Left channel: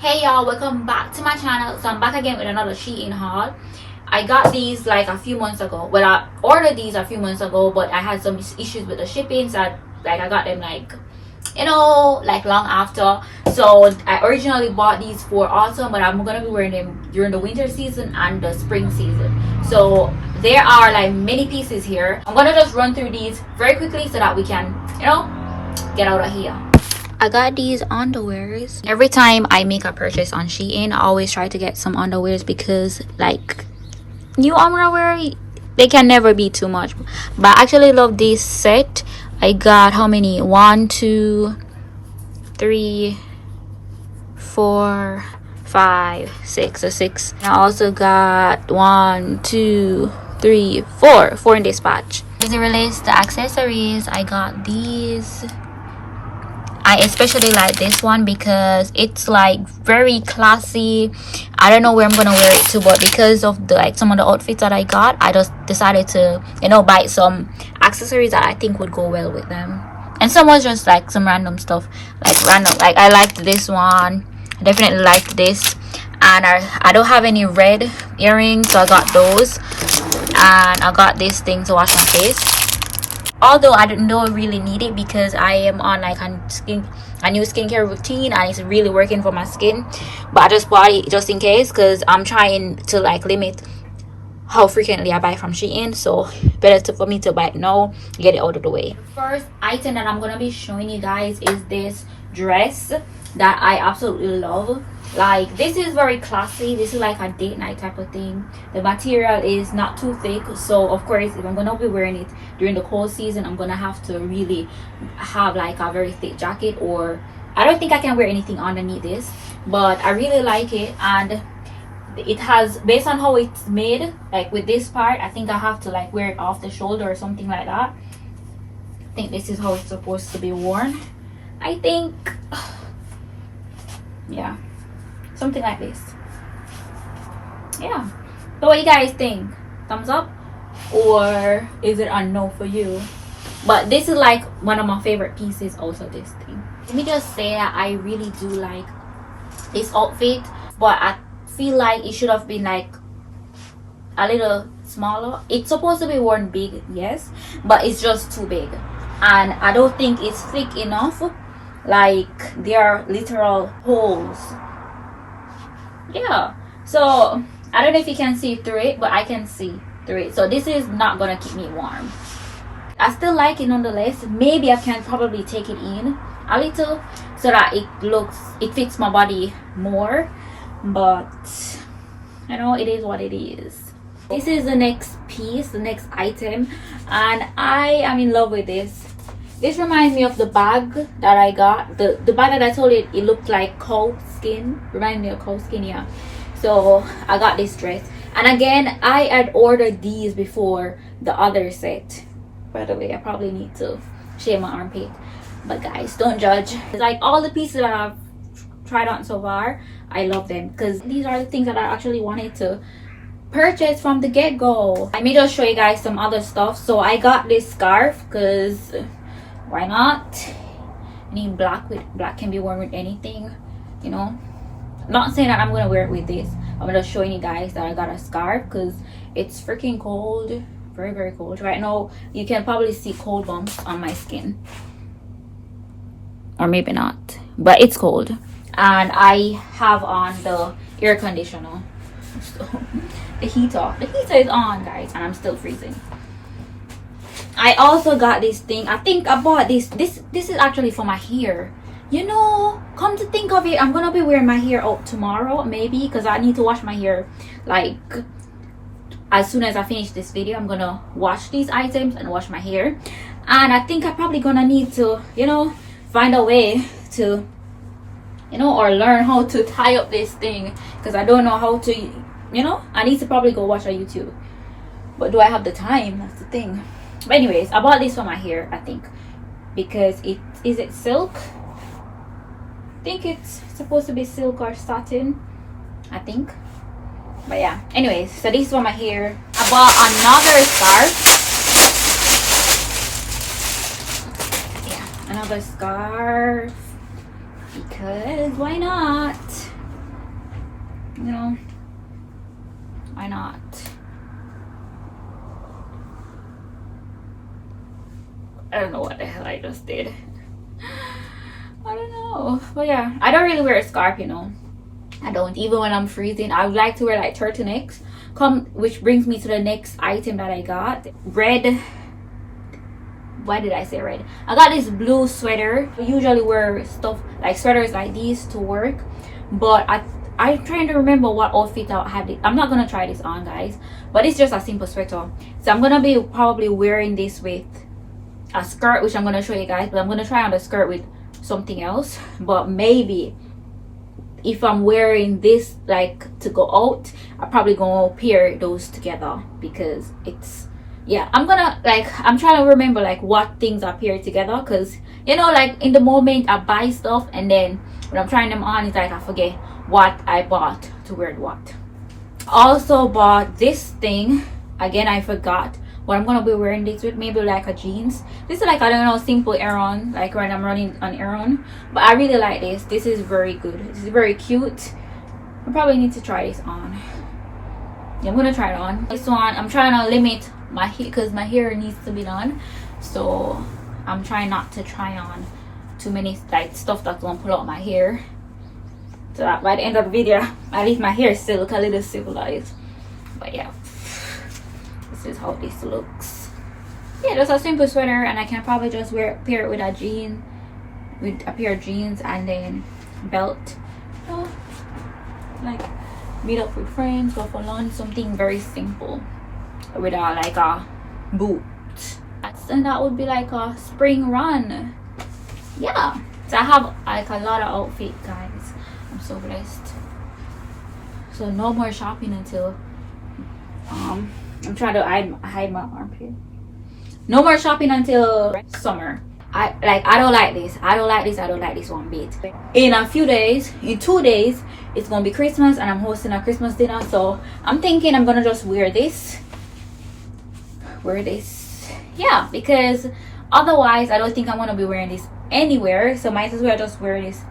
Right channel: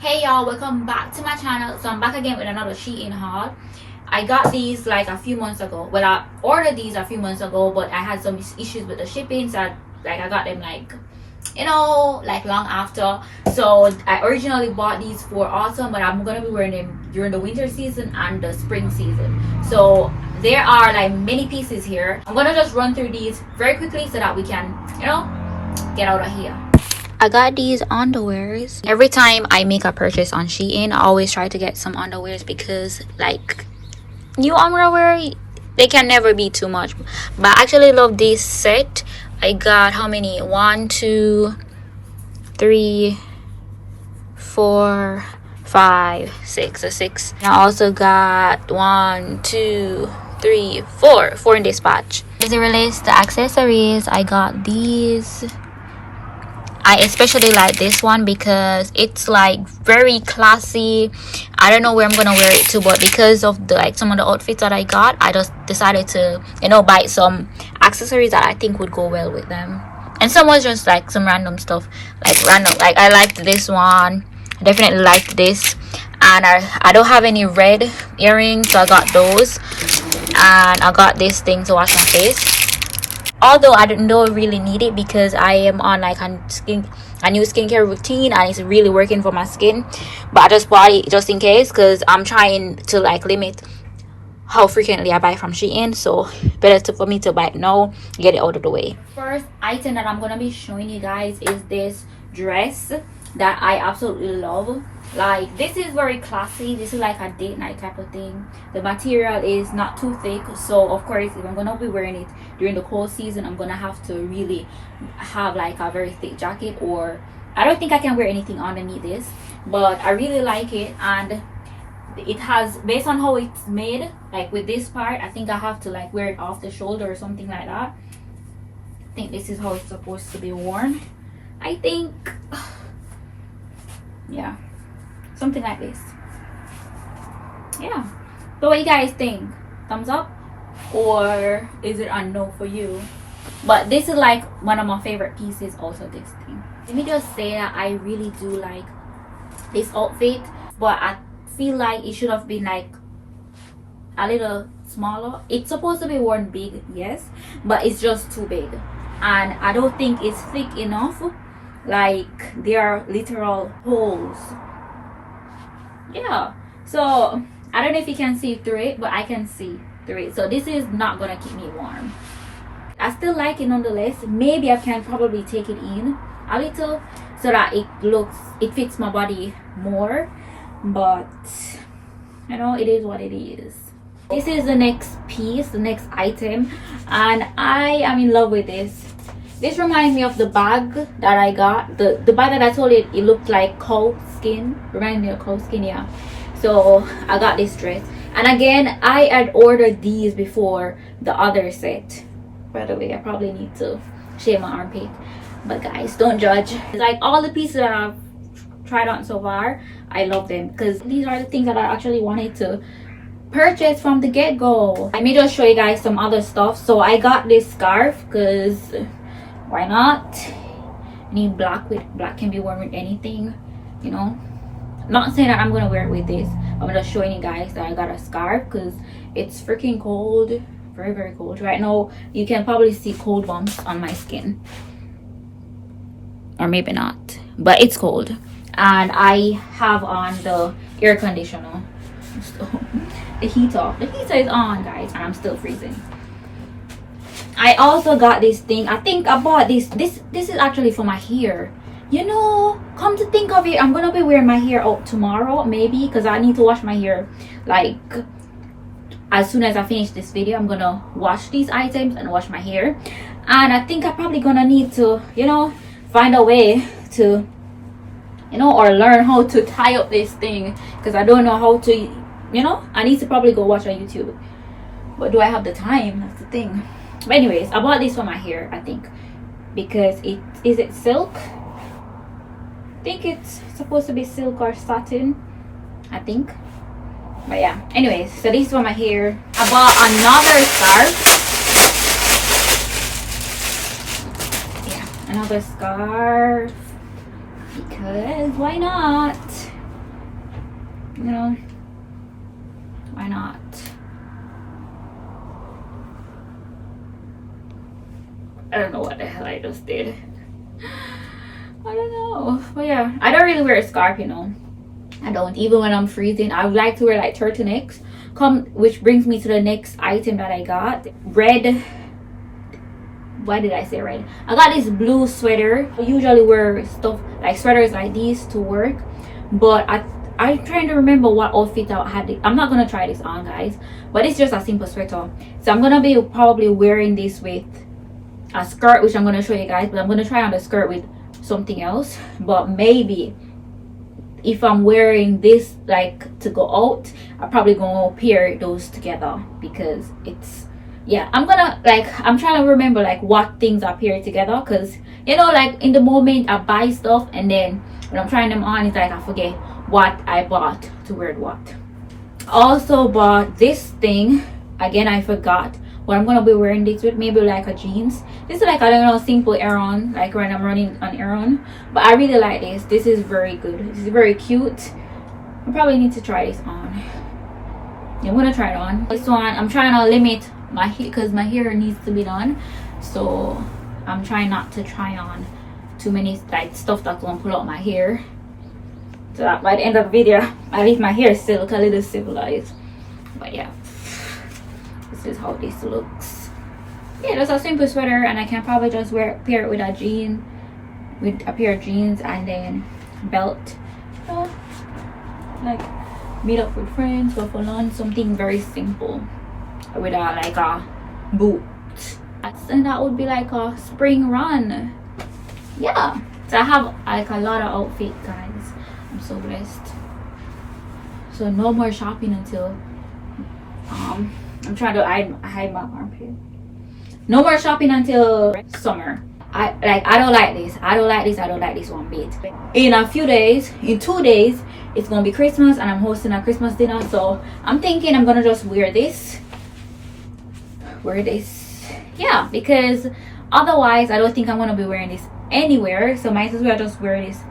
Hey y'all, welcome back to my channel. So I'm back again with another Shein haul. I got these like a few months ago. Well, I ordered these a few months ago, but I had some issues with the shipping, so I got them like long after. So I originally bought these for autumn, but I'm gonna be wearing them during the winter season and the spring season. So there are like many pieces here. I'm gonna just run through these very quickly so that we can get out of here. I got these underwears. Every time I make a purchase on Shein, I always try to get some underwears because like new underwear, they can never be too much. But I actually love this set. I got how many? 1, 2, 3, 4, 5, 6. So 6. And I also got 1, 2, 3, 4 in this batch. As it relates to accessories, I got these. I especially like this one because it's like very classy. I don't know where I'm gonna wear it to, but because of the some of the outfits that I got, I just decided to buy some accessories that I think would go well with them. And some was just like some random stuff, like I liked this one. I definitely liked this, and I don't have any red earrings, so I got those. And I got this thing to wash my face, although I don't really need it because I am on like a new skincare routine and it's really working for my skin. But I just bought it just in case because I'm trying to like limit how frequently I buy from Shein, so better for me to buy it now, get it out of the way. The first item that I'm gonna be showing you guys is this dress that I absolutely love. Like, this is very classy. This is like a date night type of thing. The material is not too thick, so of course if I'm gonna be wearing it during the cold season, I'm gonna have to really have like a very thick jacket, or I don't think I can wear anything underneath this, but I really like it. And it has, based on how it's made, like with this part, I think I have to like wear it off the shoulder or something like that. I think this is how it's supposed to be worn, I think. Yeah, something like this. Yeah, so what do you guys think? Thumbs up, or is it a no for you? But this is like one of my favorite pieces also, this thing. Let me just say that I really do like this outfit, but I feel like it should have been like a little smaller. It's supposed to be worn big, yes, but it's just too big, and I don't think it's thick enough. Like, there are literal holes. Yeah, so I don't know if you can see through it, but I can see through it. So this is not gonna keep me warm. I still like it nonetheless. Maybe I can probably take it in a little so that it fits my body more, but it is what it is. This is the next piece, the next item, and I am in love with this. This reminds me of the bag that I got. The bag that I told you it looked like cow skin. Reminds me of cow skin, yeah. So I got this dress. And again, I had ordered these before the other set. By the way, I probably need to shave my armpit. But guys, don't judge. Like, all the pieces that I've tried on so far, I love them. Because these are the things that I actually wanted to purchase from the get-go. Let me just show you guys some other stuff. So I got this scarf because why not? Any black can be worn with anything, not saying that I'm gonna wear it with this. I'm just showing you guys that I got a scarf because it's freaking cold, very, very cold right now. You can probably see cold bumps on my skin, or maybe not, but it's cold. And I have on the air conditioner, so the heater is on, guys, and I'm still freezing. I also got this thing. I think I bought this is actually for my hair. Come to think of it, I'm gonna be wearing my hair out tomorrow, maybe, because I need to wash my hair like as soon as I finish this video. I'm gonna wash these items and wash my hair, and I think I'm probably gonna need to find a way to or learn how to tie up this thing, because I don't know how to. I need to probably go watch on YouTube, but do I have the time? That's the thing. But anyways, I bought this for my hair, I think, because is it silk? I think it's supposed to be silk or satin, I think. But yeah, anyways, so this is for my hair. I bought another scarf. Yeah, another scarf, because why not? I don't know what the hell I just did. I don't know. But yeah, I don't really wear a scarf, you know. I don't. Even when I'm freezing, I would like to wear like turtlenecks. Which brings me to the next item that I got. Red. Why did I say red? I got this blue sweater. I usually wear stuff like sweaters like these to work, but I'm trying to remember what outfit I had. I'm not gonna try this on, guys, but it's just a simple sweater. So I'm gonna be probably wearing this with a skirt, which I'm gonna show you guys, but I'm gonna try on the skirt with something else. But maybe if I'm wearing this like to go out, I'm probably gonna pair those together, because it's, yeah, I'm trying to remember like what things are paired together, because you know, like in the moment I buy stuff and then when I'm trying them on, it's like I forget what I bought to wear what. Also bought this thing again. I forgot what I'm gonna be wearing this with. Maybe like a jeans. This is like, I don't know, simple errand, like when I'm running an errand. But I really like this. This is very good. This is very cute. I probably need to try this on. Yeah, I'm gonna try it on. This one I'm trying to limit my hair because my hair needs to be done, so I'm trying not to try on too many like stuff that's gonna pull out my hair, so that by the end of the video at least my hair still look a little civilized. But yeah, this is how this looks. Yeah, just a simple sweater, and I can probably just pair it with a pair of jeans and then belt. Like meet up with friends, go for lunch, something very simple with like a boot. And that would be like a spring run. Yeah, so I have like a lot of outfit, guys. I'm so blessed. So no more shopping until I'm trying to hide my armpit. No more shopping until summer. I don't like this one bit. In a few days, in 2 days, it's gonna be Christmas and I'm hosting a Christmas dinner, so I'm thinking I'm gonna just wear this, yeah, because otherwise I don't think I'm gonna be wearing this anywhere, so might as well just wear this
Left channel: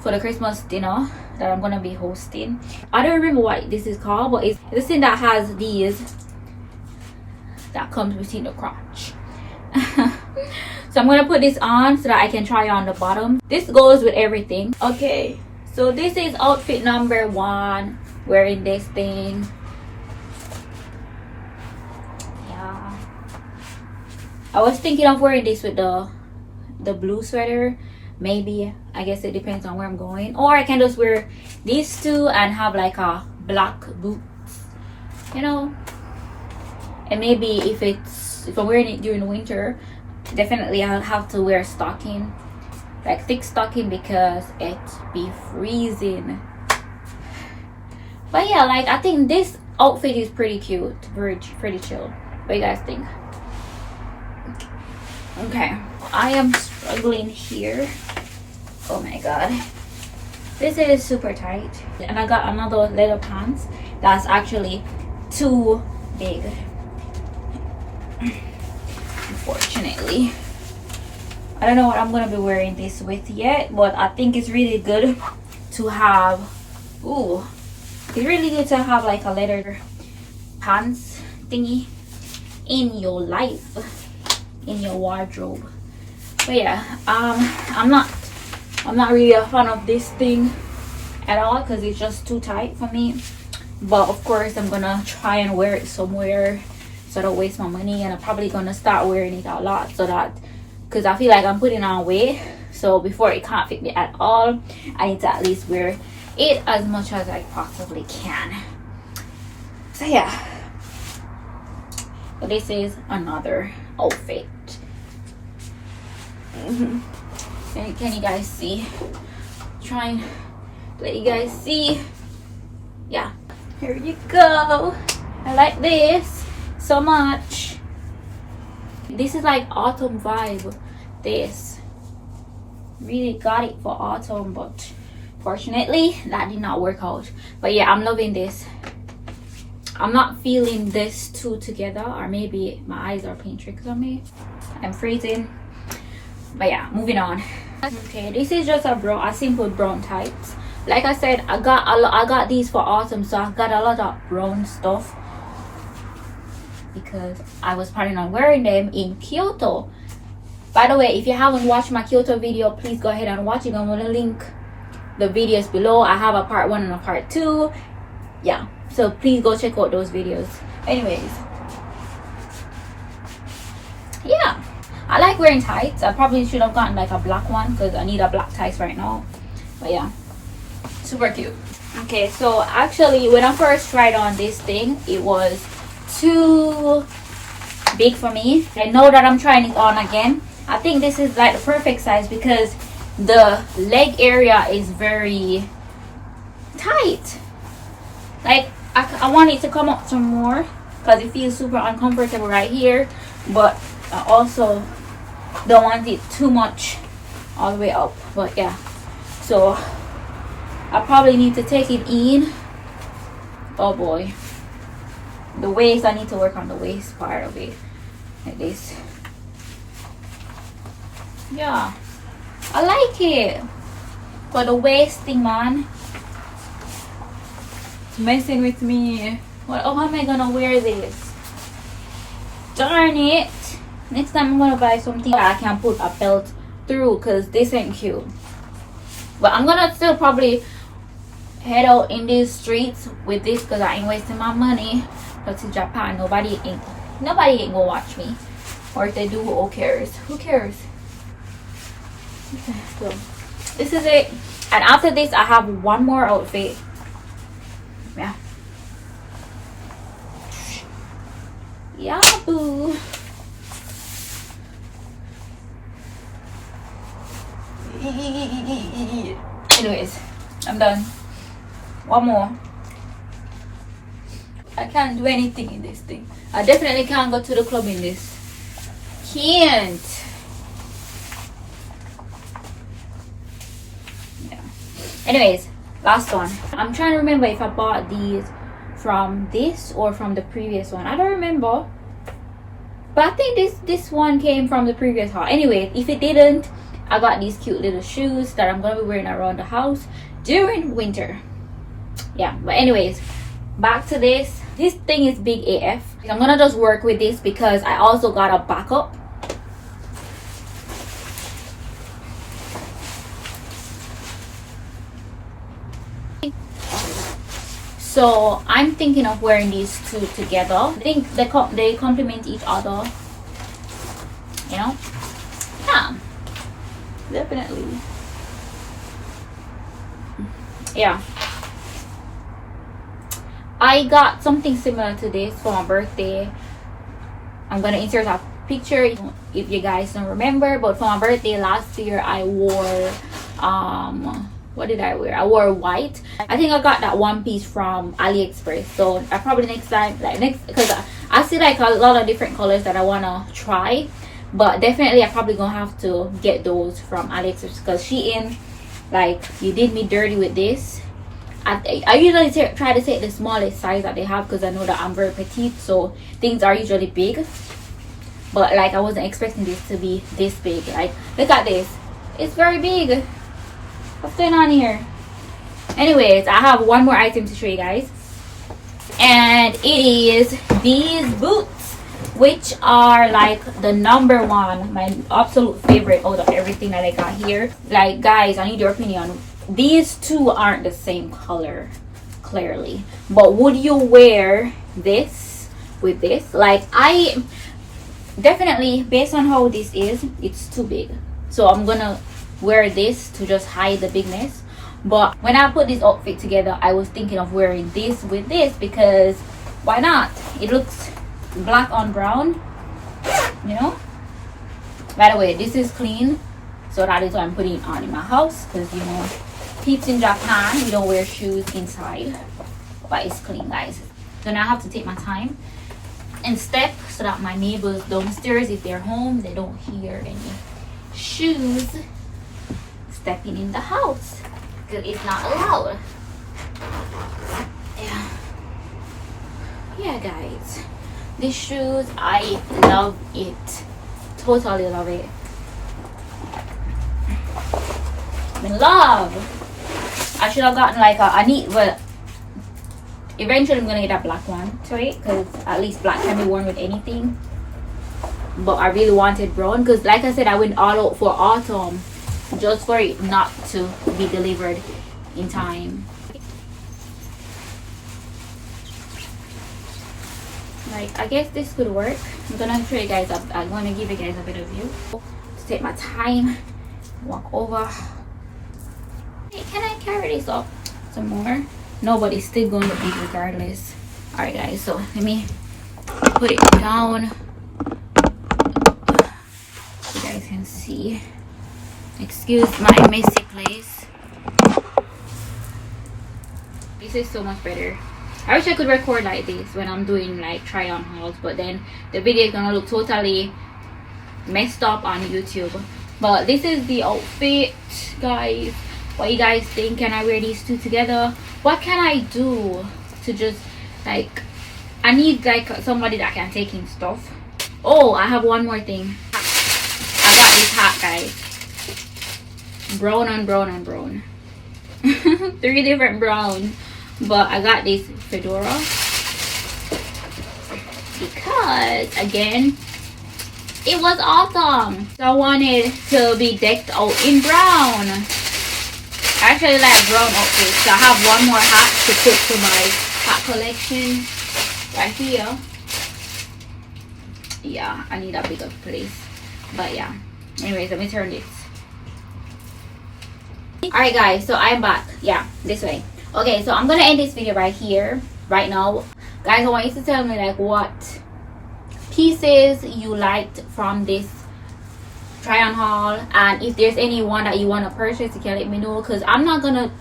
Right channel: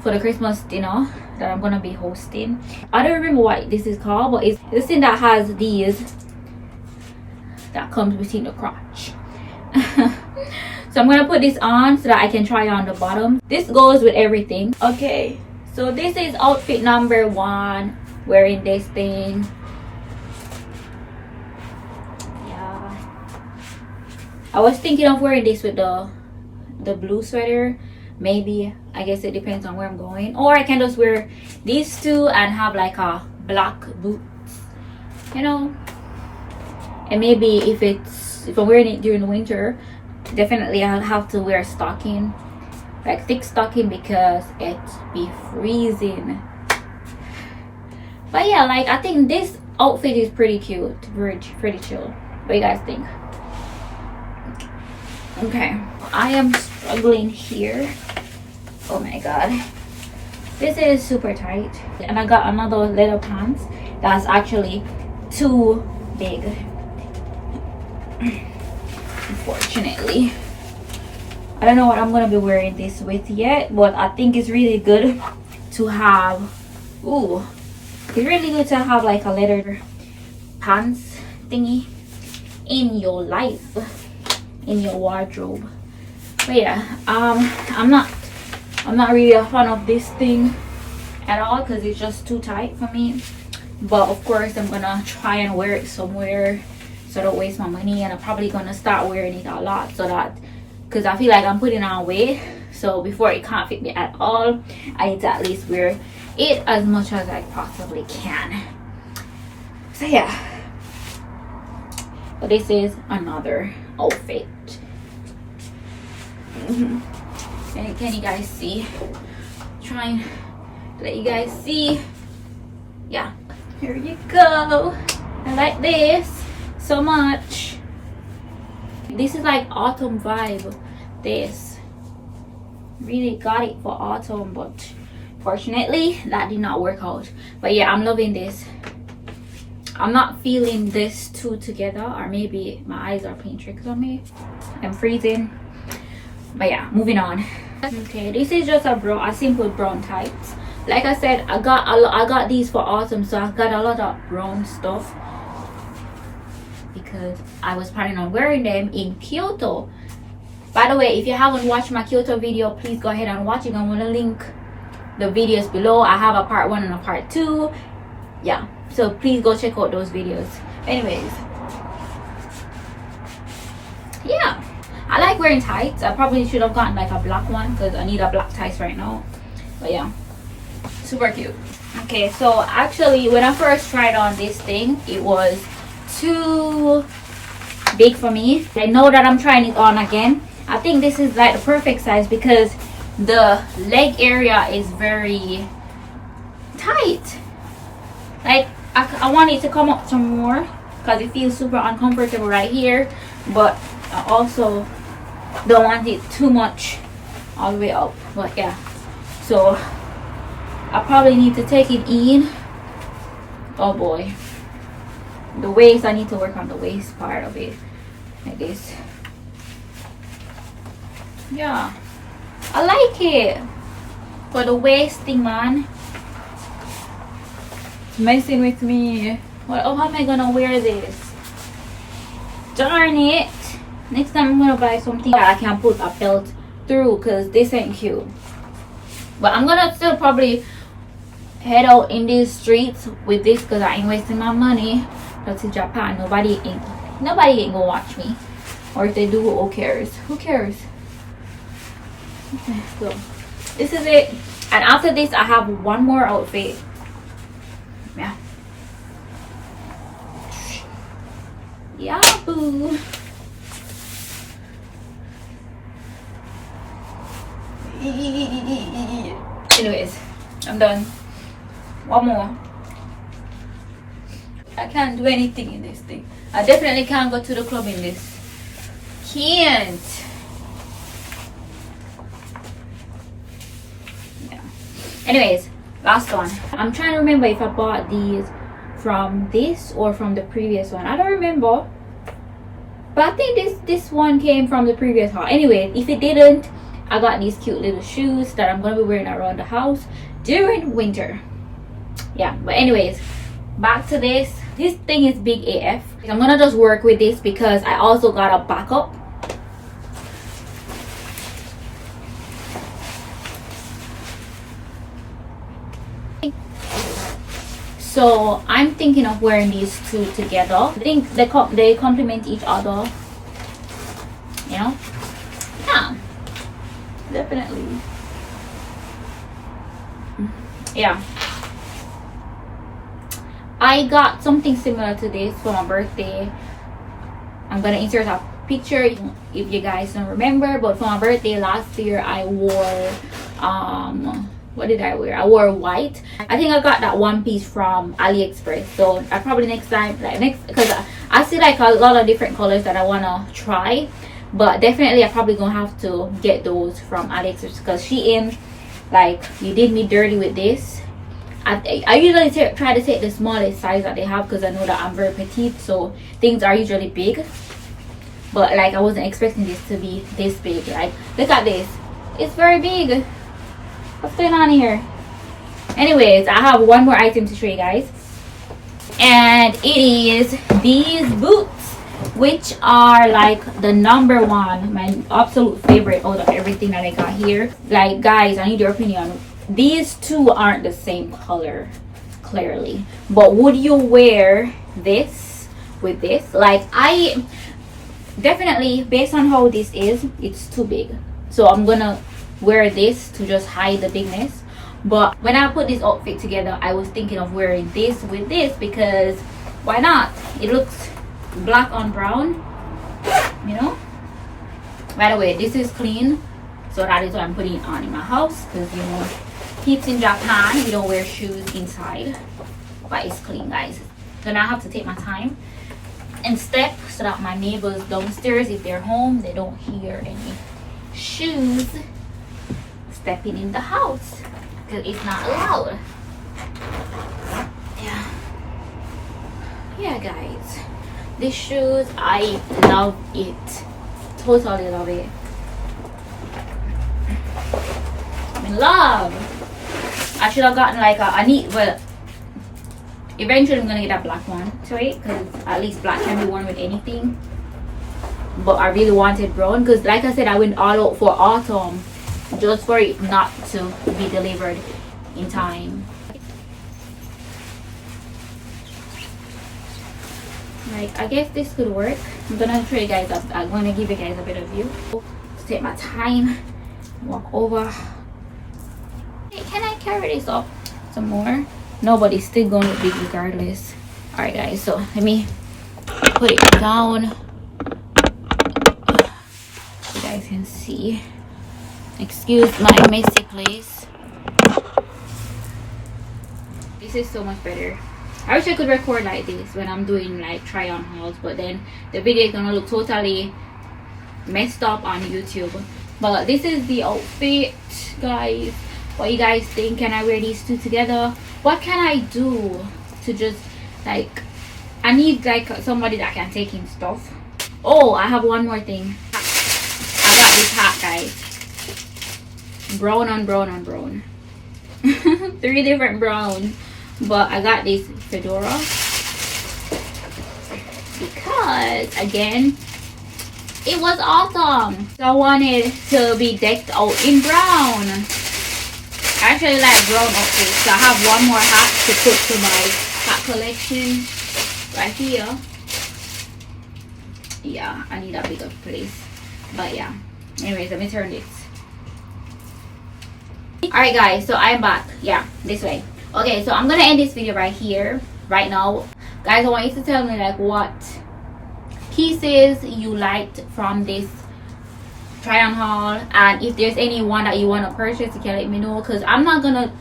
for the Christmas dinner that I'm gonna be hosting. I don't remember what this is called, but it's this thing that has these that comes between the crotch. So I'm gonna put this on so that I can try on the bottom. This goes with everything. Okay, so this is outfit number 1, wearing this thing. Yeah, I was thinking of wearing this with the blue sweater. Maybe, I guess it depends on where I'm going, or I can just wear these two and have like a black boots, you know. And maybe if I'm wearing it during the winter, definitely I'll have to wear stocking, like thick stocking, because it be freezing. But yeah, like I think this outfit is pretty cute, pretty chill. What do you guys think? Okay, I am struggling here. Oh my god, this is super tight, and I got another leather pants that's actually too big, unfortunately. I don't know what I'm gonna be wearing this with yet, but I think it's really good to have. Ooh, it's really good to have like a leather pants thingy in your life, in your wardrobe. But yeah, I'm not really a fan of this thing at all because it's just too tight for me. But of course I'm gonna try and wear it somewhere so I don't waste my money, and I'm probably gonna start wearing it a lot, so that, because I feel like I'm putting on weight, so before it can't fit me at all, I need to at least wear it as much as I possibly can. So yeah, so this is another outfit. Can you guys see? Trying to let you guys see. Yeah, here you go. I like this so much. This is like autumn vibe. This really got it for autumn, but fortunately that did not work out. But yeah, I'm loving this. I'm not feeling this two together, or maybe my eyes are playing tricks on me. I'm freezing. But yeah, moving on. Okay, this is just a simple brown tights. Like I said, I got these for autumn, so I got a lot of brown stuff because I was planning on wearing them in Kyoto. By the way, if you haven't watched my Kyoto video, please go ahead and watch it. I'm gonna link the videos below. I have a part 1 and a part 2. Yeah, so please go check out those videos. Anyways, yeah, I like wearing tights. I probably should have gotten like a black one because I need a black tights right now. But yeah, super cute. Okay, so actually when I first tried on this thing, it was too big for me. I know that I'm trying it on again. I think this is like the perfect size because the leg area is very tight. Like I want it to come up some more because it feels super uncomfortable right here, but I also don't want it too much all the way up. But yeah, so I probably need to take it in. Oh boy, the waist, I need to work on the waist part of it, like this. Yeah, I like it, but the waist thing, man, it's messing with me. What, oh, how am I gonna wear this? Darn it. Next time I'm gonna buy something that I can put a belt through because this ain't cute. But I'm gonna still probably head out in these streets with this because I ain't wasting my money. That's in Japan. Nobody ain't gonna watch me, or if they do, who cares? Who cares? Okay, so this is it, and after this I have one more outfit. Yeah, boo. Anyways, I'm done. One more. I can't do anything in this thing. I definitely can't go to the club in this. Can't. Yeah. Anyways, last one. I'm trying to remember if I bought these from this or from the previous one. I don't remember. But I think this one came from the previous haul. Anyway, if it didn't, I got these cute little shoes that I'm gonna be wearing around the house during winter. Yeah, but anyways, back to this. This thing is big AF. I'm gonna just work with this because I also got a backup. So I'm thinking of wearing these two together. I think they complement each other, you know. Yeah, definitely. Yeah, I got something similar to this for my birthday. I'm gonna insert a picture if you guys don't remember, but for my birthday last year I wore what did I wear? I wore white. I think I got that one piece from AliExpress. So I probably next time, because I see like a lot of different colors that I wanna try, but definitely I probably gonna have to get those from AliExpress because Shein, like, you did me dirty with this. I usually try to take the smallest size that they have because I know that I'm very petite, so things are usually big. But like I wasn't expecting this to be this big. Like, look at this, it's very big. What's going on here? Anyways, I have one more item to show you guys, and it is these boots, which are like the number one, my absolute favorite out of everything that I got here. Like, guys, I need your opinion. These two aren't the same color, clearly, but would you wear this with this? Like, I definitely, based on how this is, it's too big, so I'm gonna wear this to just hide the bigness. But when I put this outfit together, I was thinking of wearing this with this because why not? It looks black on brown, you know. By the way, this is clean, so that is why I'm putting it on in my house, because you know, peeps in Japan, we don't wear shoes inside. But it's clean, guys. So now I have to take my time and step so that my neighbors downstairs, if they're home, they don't hear any shoes stepping in the house, because it's not allowed. Yeah, guys, these shoes, I love it, totally love it. I'm in love. I should have gotten like well, eventually I'm gonna get that black one to it, because at least black can be worn with anything. but I really wanted brown because, like I said, I went all out for autumn just for it not to be delivered in time. Like, I guess this could work. I'm gonna show you guys up. I'm gonna give you guys a bit of view. To take my time, walk over. Hey, can I carry this up some more? Nobody's still going to be regardless. All right, guys. So let me put it down. You guys can see. Excuse my messy place. This is so much better. I wish I could record like this when I'm doing like try on hauls, but then the video is gonna look totally messed up on YouTube. But this is the outfit, guys. What you guys think? Can I wear these two together? What can I do to just like, I need like somebody that can take in stuff. Oh, I have one more thing. I got this hat, guys. Brown and brown and brown. 3 different browns. But I got this fedora because, again, it was autumn, so I wanted to be decked out in brown. I actually like brown outfits, so I have one more hat to put to my hat collection right here. Yeah, I need a bigger place, but yeah. Anyways, let me turn this. Alright guys, so I'm back. Yeah, this way. Okay, so I'm gonna end this video right here, right now. Guys, I want you to tell me like what pieces you liked from this try on haul, and if there's any one that you want to purchase, you can let me know, because I'm not gonna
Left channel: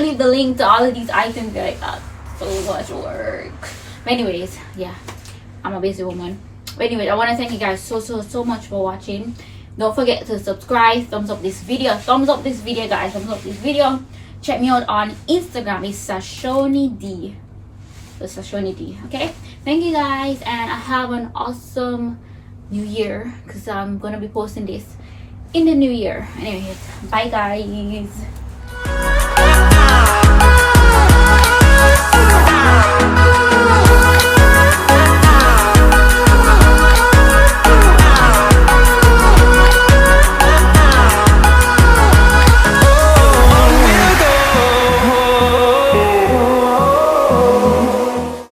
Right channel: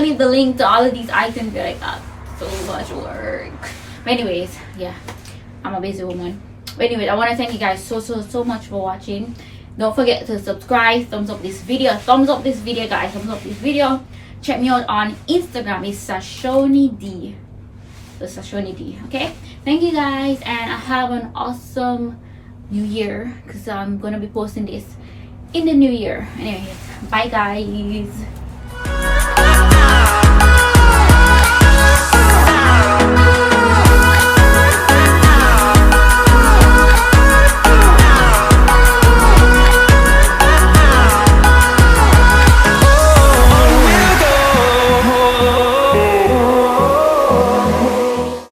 leave the link to all of these items like that. So much work. But anyways, yeah, I'm a busy woman. But anyways, I want to thank you guys so much for watching. Don't forget to subscribe, thumbs up this video, guys, thumbs up this video. Check me out on Instagram. It's Sashoni D. It's Sashoni D. Okay. Thank you guys, and have an awesome new year, because I'm gonna be posting this in the new year. Anyways, bye guys.